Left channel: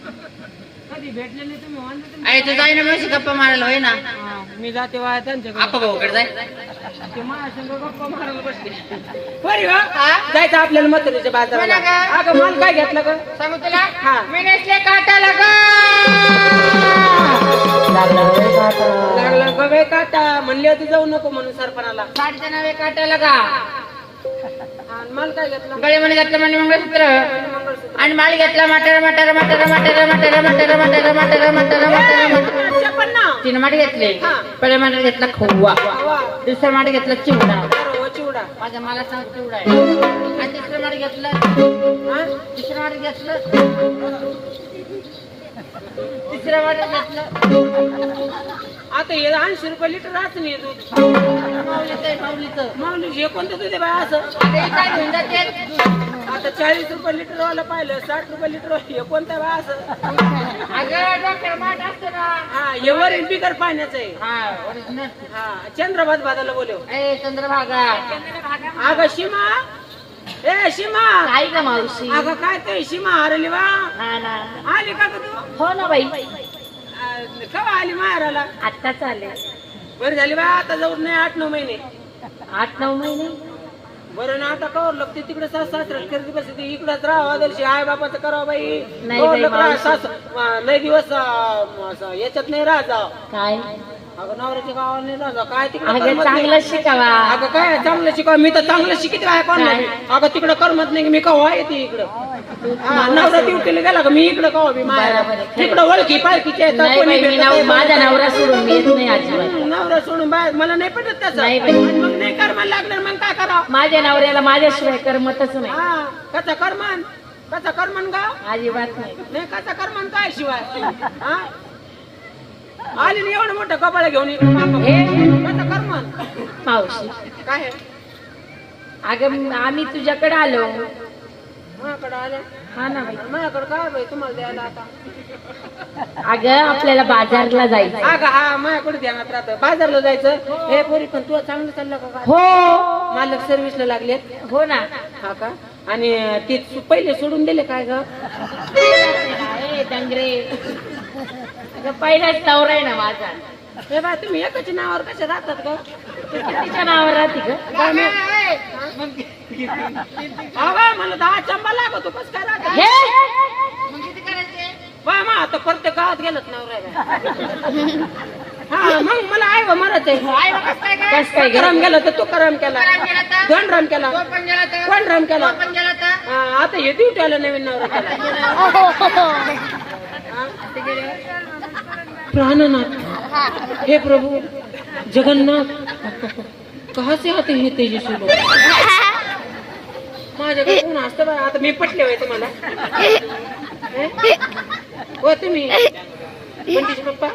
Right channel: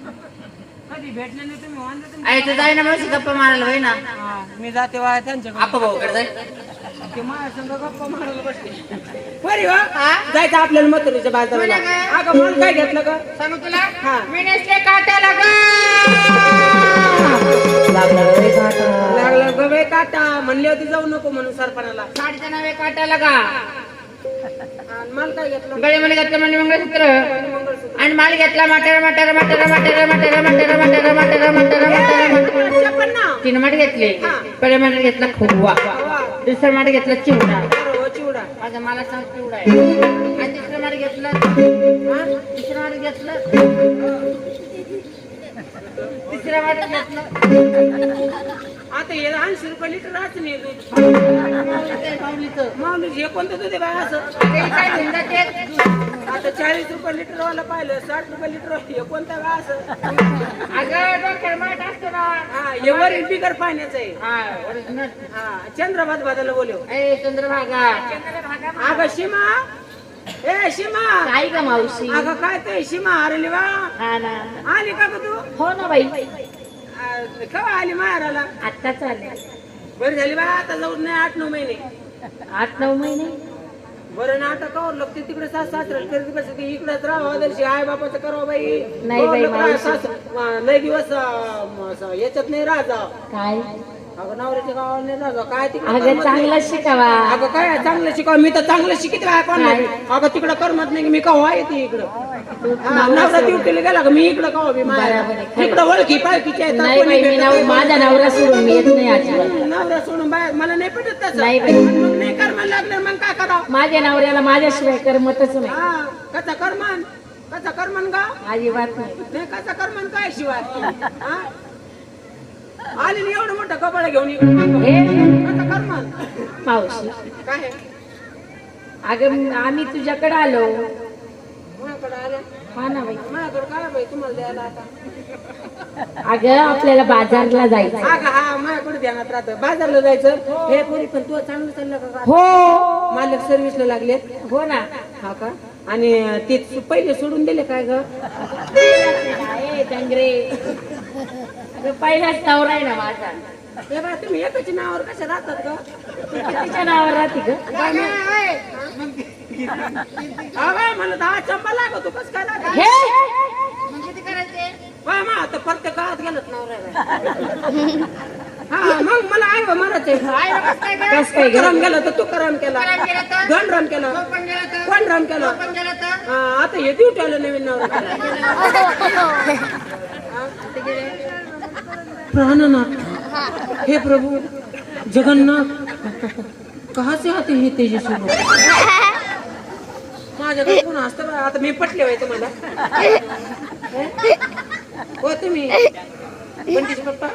भेटले नाही तुम्ही म्हणलं तुम्ही आहे तू जाय ना गप्पा मारायला होय ना? हा, मी जाते वाया त्यांच्याकडे. आपा भाऊकडे जाय. ते माझ्या संग गप्पा मारायला बसले. बरी वा जायचं आपल्याला म्हातारीच्या बाजाराला कोणा का? अगं माल काय घेतलं ग? सांगू तुला? हा. मी नसले काटाला ग. लागला काटा. म्हणली होती जाऊ नको म्हणून सरपणाला. साडीच्या नावे काटाला का आणि माल काय घेतलं? गळ्यामध्ये घातलं म्हणजे मंगळसूत्र. आणि माल घेतला मटर मटर मटर मटर मटर मटर मटर मटर मटर मटर. तीन माठ घेतले. पहिले माठ घेतला खोवा. दुसरा माठ घेतला चिवडा. चिवडा. माझा मला सांग चिवडा आहे. आणि तिसरं माठ घेतलं? तिसरं माठ घेतलं? तिसरं माठ घेतलं? आता हे ऐंशी रुपये लिटर राहत नाही दूध. माऊलीचं, माऊलीचं. माऊली हे कोणतं दूध आहे बाय असं? आता हे काय घेऊन जाते आता चाळीस रुपये लिटर वाला पाहिलं साठ रुपये लिटर हे कोणतं बाय असं? अगं डॉक्टर माठ असतो ना हा हे वरील बिगर पाण्याचं आहे. हा ओरिजिनल हा चंद्रभात भादाला बोलव ए चंद्रभागा. अगं शिमा ए शिमा काय ग मावशी? अगं काय ते शिमा हरली वा हा ना. आली का ग तू? हो ना बाई. केव्हा आली माहेराला? आता चालेल बरी झाली बा आता जाऊन नाही आठ नऊ महिने. आठ नऊ महिने बरं ना आता कवर लागते तिकडे सास सासऱ्याला करती बसते इकडेच राहावं दर्शी आई बापाचं करावं बाई नाही कवर बाई, लोकं मावशी. सास- म, लय दिवस याच्यात नाही राहत जावं. काय अगं नवऱ्याच्या गावाला नाही जावं. काय तिकडे अगं करमत नाही. चांगलं शिकावा. अगं काय चांगलं शिकाव? मी तर चांगलं शिकित आहे कोण काय? अगं तिकडं करमत नाही की मी कवा येते इकडं? हा, नवरा ड्युटीला गेला का? मी इकडं कवा बी माहेर बरोबर आहे, खरं. तिकडं ओळखी पाळखीचे आहेत, नाही कोणी बाई मी भेटत नाव नाही, माझा नवरा सोडून मी येत नाही अजिबात. हम्म, नवरा सोडून बाहेर मला नाही पटत त्याचं. नाही बाई. आणि मग नाही कर्माला लागलं मग काय करावं? माझ्या नवऱ्याला माझ्याशिवाय करमतच नाही. हा कसा करमान? कसा करमान गाव अजिबात नाही. नाही कसा करमान काय शिवाय? हा? आली ना एवढं मोठं कपाळ घेऊन इकडे मागं. हे करमान मावशी. काय आहे? अगं आम्ही तुझ्याकडे आलो. माझ्याकडे आल्या हा ना बाई. माझ्याकडे काय बाई? तुम्हाला द्यायला आता. अगं आपल्याला बाजारला जायचं. हा का हा माझ्याकडे ध्यानात राहतं बाजारला जायचं. हे. पोरी पण तू चांगलं चाललं का? हो. मालक सर्व्हिसला लागलेत. हो ना. हा का? आणि ते सु- पहिले सोडून दिले काय ग? ए, डंगरे. अगं पहिलाच नवरा आहे ना माझा. हे बा तुम्ही एकाच्या नावावर कशा राहतात तू कितीच्या नावावर राहते ग? बा मला दहा चंपा लागतो कस काय राहत हे? बा मग आता प्रत्येक गावात गेलत नवरा हा मग मला आई बा मरत आहे. कस काय ग? करम गेलं तर तू करम केला. दोन राम केला कोण राम केला आता हे ड्युटी आलं नवीन नवरा केला? प्राणनाथ. हे प्रभु जगन्नाथ. कहा से आते हे तेजस्वी लोक? माझ्याकडे कोण असतं बा आता मी पटले होय तुम्हाला. हे? तुम्ही. पंडित पप्पा.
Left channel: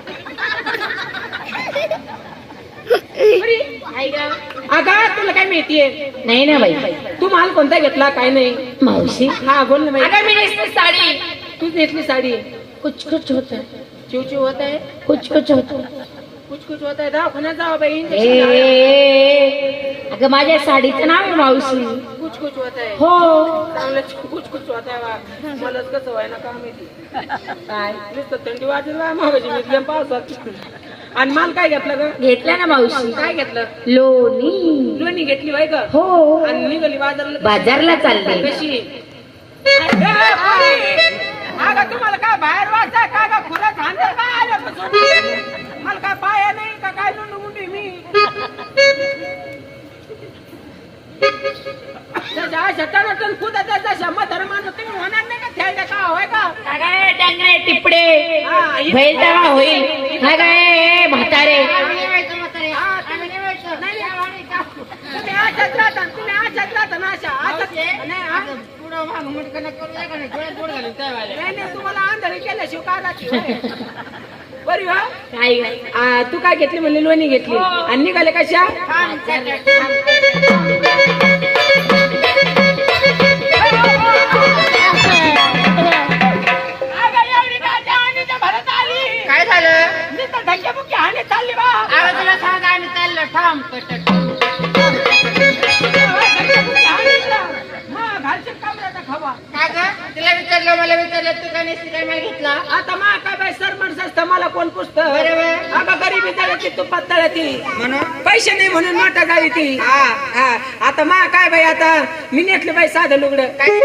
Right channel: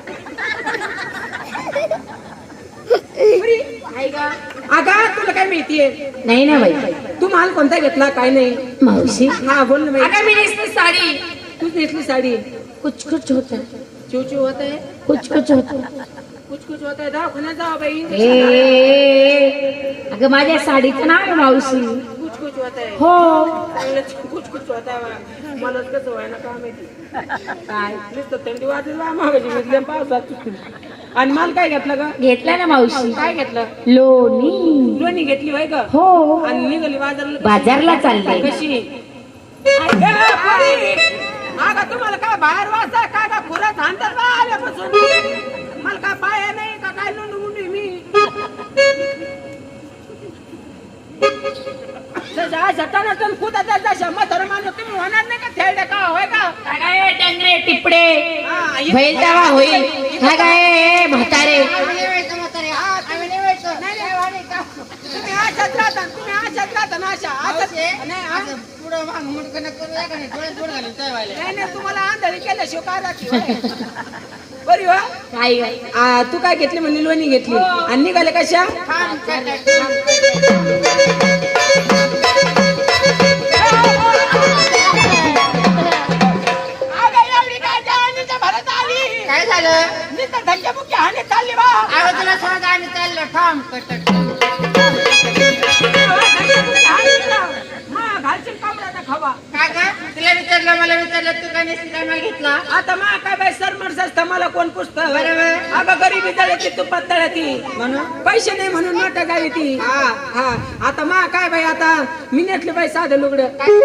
अगा तुला काय माहितीये नाही ना बाई. तू माल कोणता घेतला काय नाही? मावशी. हा बोल ना बाई. अगं मी नेसली साडी. तूच नेसली साडी. कुछ कुछ होत चिवचिव होत आहे कुछ कुछ होत कुछ कुछ होत आहे दवाखान्यात जावा बाई ए इंजेक्शन लावा. अगं माझ्या साडीचं नाव आहे मावशी। कुछ कुछ होत आहे हो। चांगलं कुछ कुछ होत आहे बा. मलाच कसं व्हाय ना का माहिती काय? नुसतं थंडी वाजला मागायची मी पावसात. आणि माल काय घेतलं ग? घेतला ना मावशी. काय घेतलं? लोणी. लोणी घेतली बाई ग. हो. आणि निघाली बाजारला? बाजारला चालले. कशी? अगं तुम्हाला काय बाहेर वाचा काय का खुरात आणतात का आल्यापासून मला काय पाया नाही का काय लुंडू मुंडी मी? जशा माणूस तुम्ही होणार नाही का? खेळडे का होय का? अगं डंगरे टिपडे. हा, इथं- होईल. तेव्हा होईल हा काय म्हातारे. हा, तुम्ही- नाही, नाही? तुम्ही राहता ना नाही हा? नाही नाही तुम्हाला आंधळी केल्याशिवाय काय राहते? होय? बरी हो? काय आ, तू काय घेतली म्हणली लोणी घेतली? आणि निघाले कशा अगं, एवढी काय जवानीच्या भरात आली? काय झालं? नुसतं हाणे चालली बा. अगं तुला सांग आम्ही चाललो. थांब. विचारलं विचारलं तू काय नेसली काय मागितलं? आता मा काय बाई सरमट सस्ता मला कोण पुसत? बरोबर. अगं गरीबी जळती तुपात तळती म्हणून? पैसे नाही म्हणून नोटा जाळी ती हा. हा. आता मा काय बाई आता मी नेटले बाई साधं लुगडं. काय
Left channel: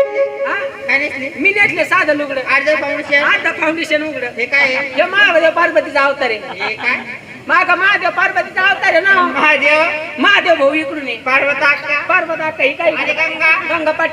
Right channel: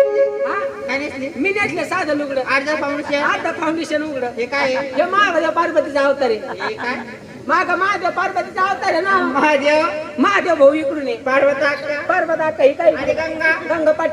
हा? काय नेसली मी नेटले साधं लुगडं. अर्ध फाउंडेशन आता फाउंडेशन उघड. हे काय? आहे हे महादेव पार्वतीचा अवतार आहे. हे काय? माग महादेव पार्वतीचा अवतार आहे ना महादेव? महादेव भाऊ इकडून आहे. पार्वता पार्वता काही काही गंगा? गंगा